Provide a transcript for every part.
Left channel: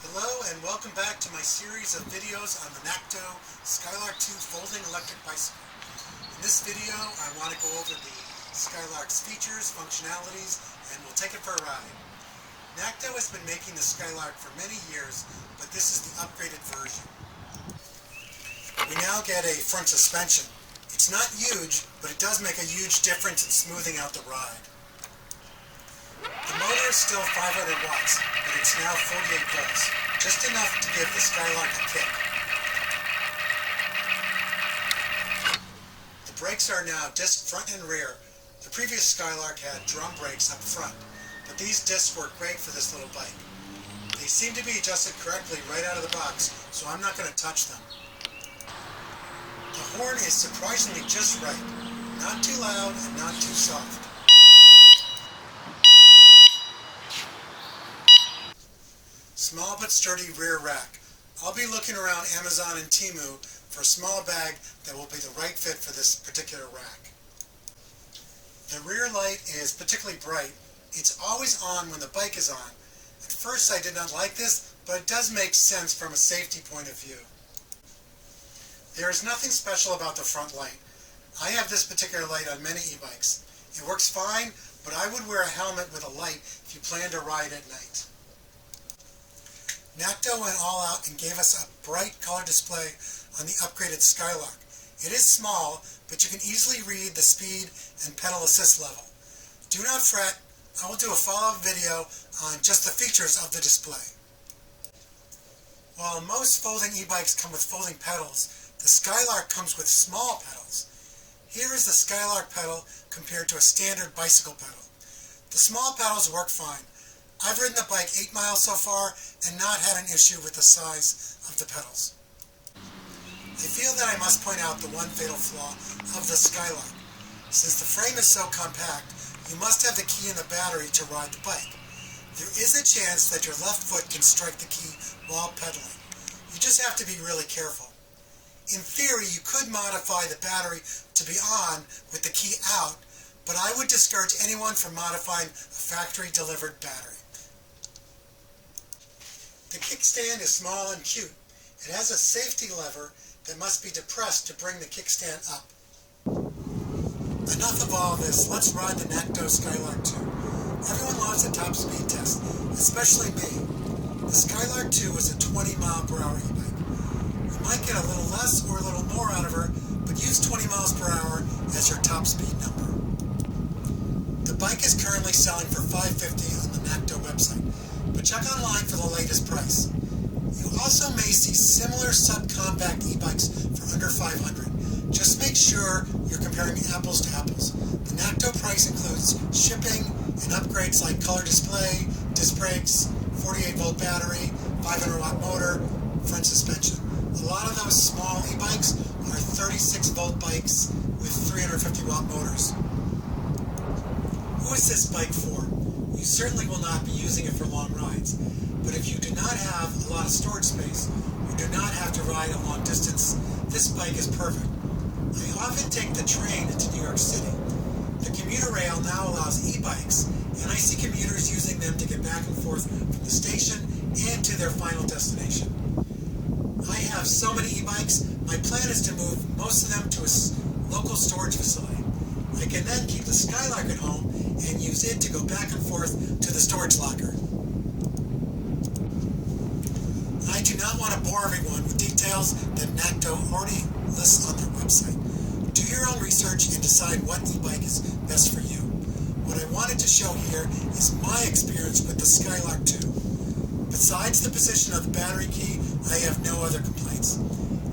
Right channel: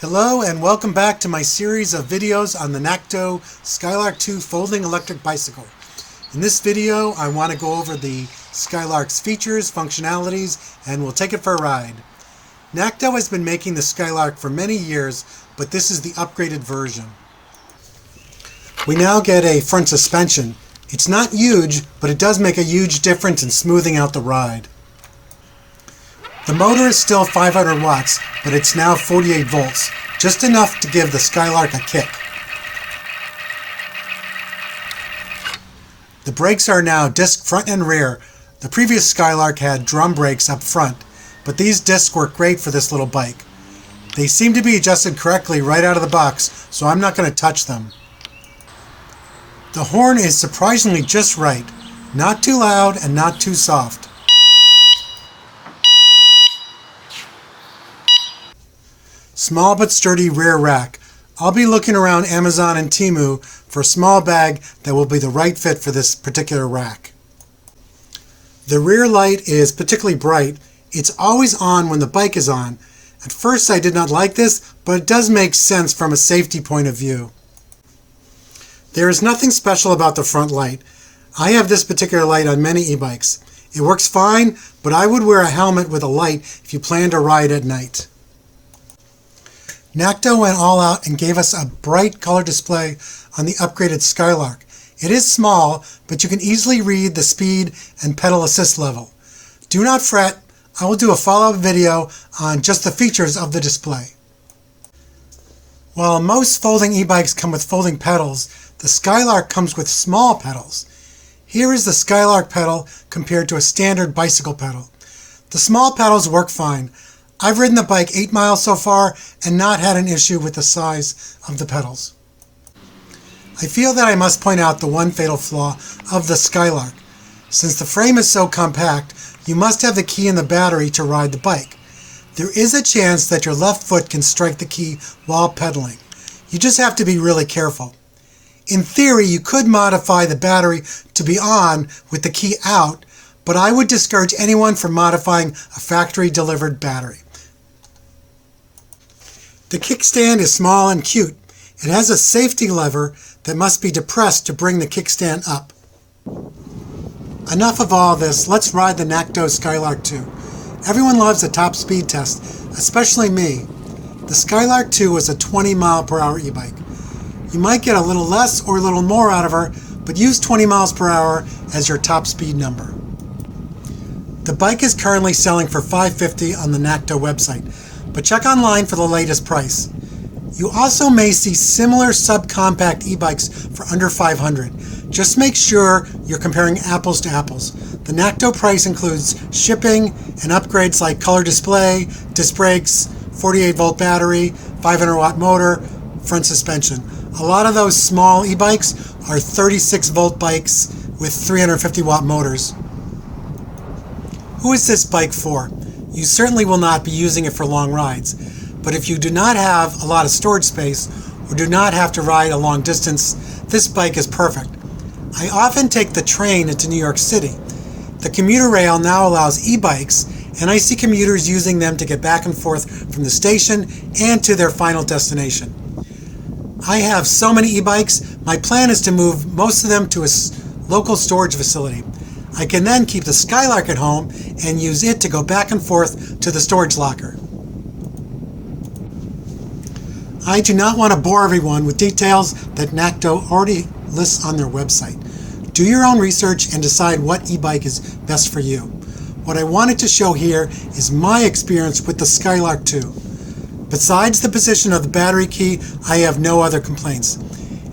Hello and welcome back to my series of videos on the Nakto Skylark 2 folding electric bicycle. In this video I want to go over the Skylark's features, functionalities, and we'll take it for a ride. Nakto has been making the Skylark for many years, but this is the upgraded version. We now get a front suspension. It's not huge, but it does make a huge difference in smoothing out the ride. The motor is still 500 watts, but it's now 48 volts, just enough to give the Skylark a kick. The brakes are now disc front and rear. The previous Skylark had drum brakes up front, but these discs work great for this little bike. They seem to be adjusted correctly right out of the box, so I'm not going to touch them. The horn is surprisingly just right, not too loud and not too soft. Small but sturdy rear rack. I'll be looking around Amazon and Temu for a small bag that will be the right fit for this particular rack. The rear light is particularly bright. It's always on when the bike is on. At first I did not like this, but it does make sense from a safety point of view. There is nothing special about the front light. I have this particular light on many e-bikes. It works fine, but I would wear a helmet with a light if you plan to ride at night. Nakto went all out and gave us a bright color display on the upgraded Skylark. It is small, but you can easily read the speed and pedal assist level. Do not fret, I will do a follow-up video on just the features of the display. While most folding e-bikes come with folding pedals, the Skylark comes with small pedals. Here is the Skylark pedal compared to a standard bicycle pedal. The small pedals work fine. I've ridden the bike 8 miles so far and not had an issue with the size of the pedals. I feel that I must point out the one fatal flaw of the Skylark. Since the frame is so compact, you must have the key in the battery to ride the bike. There is a chance that your left foot can strike the key while pedaling. You just have to be really careful. In theory, you could modify the battery to be on with the key out, but I would discourage anyone from modifying a factory-delivered battery. The kickstand is small and cute. It has a safety lever that must be depressed to bring the kickstand up. Enough of all this, let's ride the Nakto Skylark 2. Everyone loves a top speed test, especially me. The Skylark 2 is a 20 mile per hour e-bike. You might get a little less or a little more out of her, but use 20 miles per hour as your top speed number. The bike is currently selling for $550 on the Nakto website, but check online for the latest price. You also may see similar subcompact e-bikes for under $500. Just make sure you're comparing apples to apples. The Nakto price includes shipping and upgrades like color display, disc brakes, 48 volt battery, 500 watt motor, front suspension. A lot of those small e-bikes are 36 volt bikes with 350 watt motors. Who is this bike for? You certainly will not be using it for long rides, but if you do not have a lot of storage space or do not have to ride a long distance, this bike is perfect. I often take the train into New York City. The commuter rail now allows e-bikes, and I see commuters using them to get back and forth from the station and to their final destination. I have so many e-bikes, my plan is to move most of them to a local storage facility. I can then keep the Skylark at home and use it to go back and forth to the storage locker. I do not want to bore everyone with details that Nakto already lists on their website. Do your own research and decide what e-bike is best for you. What I wanted to show here is my experience with the Skylark 2. Besides the position of the battery key, I have no other complaints.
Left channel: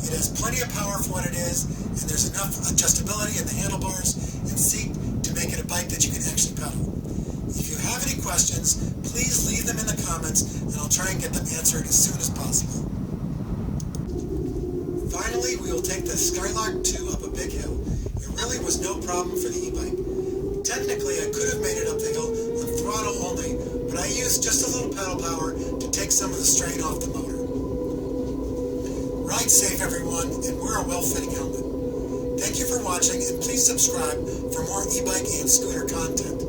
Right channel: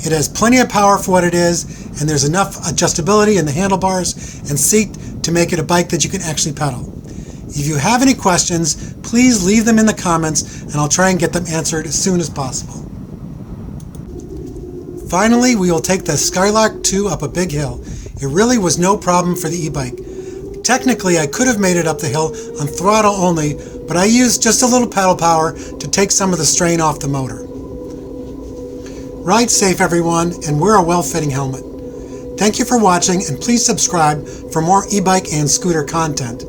It has plenty of power for what it is, and there's enough adjustability in the handlebars and seat to make it a bike that you can actually pedal. If you have any questions, please leave them in the comments and I'll try and get them answered as soon as possible. Finally, we will take the Skylark 2 up a big hill. It really was no problem for the e-bike. Technically, I could have made it up the hill on throttle only, but I used just a little pedal power to take some of the strain off the motor. Ride safe, everyone, and wear a well-fitting helmet. Thank you for watching, and please subscribe for more e-bike and scooter content.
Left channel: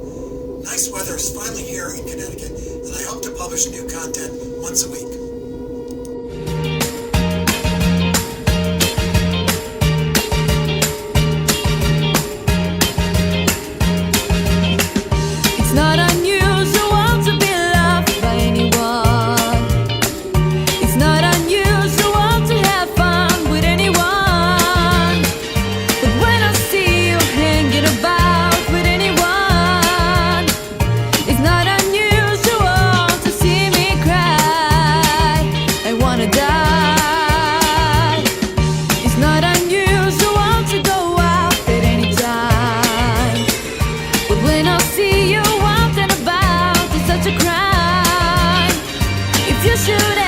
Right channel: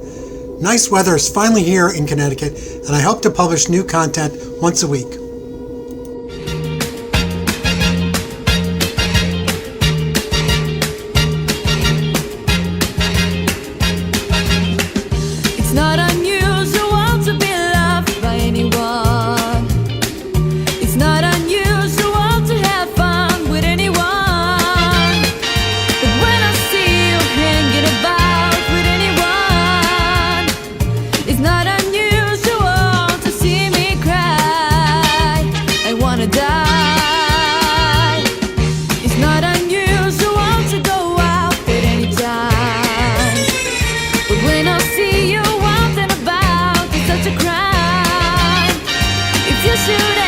Nice weather is finally here in Connecticut, and I hope to publish new content once a week. shoot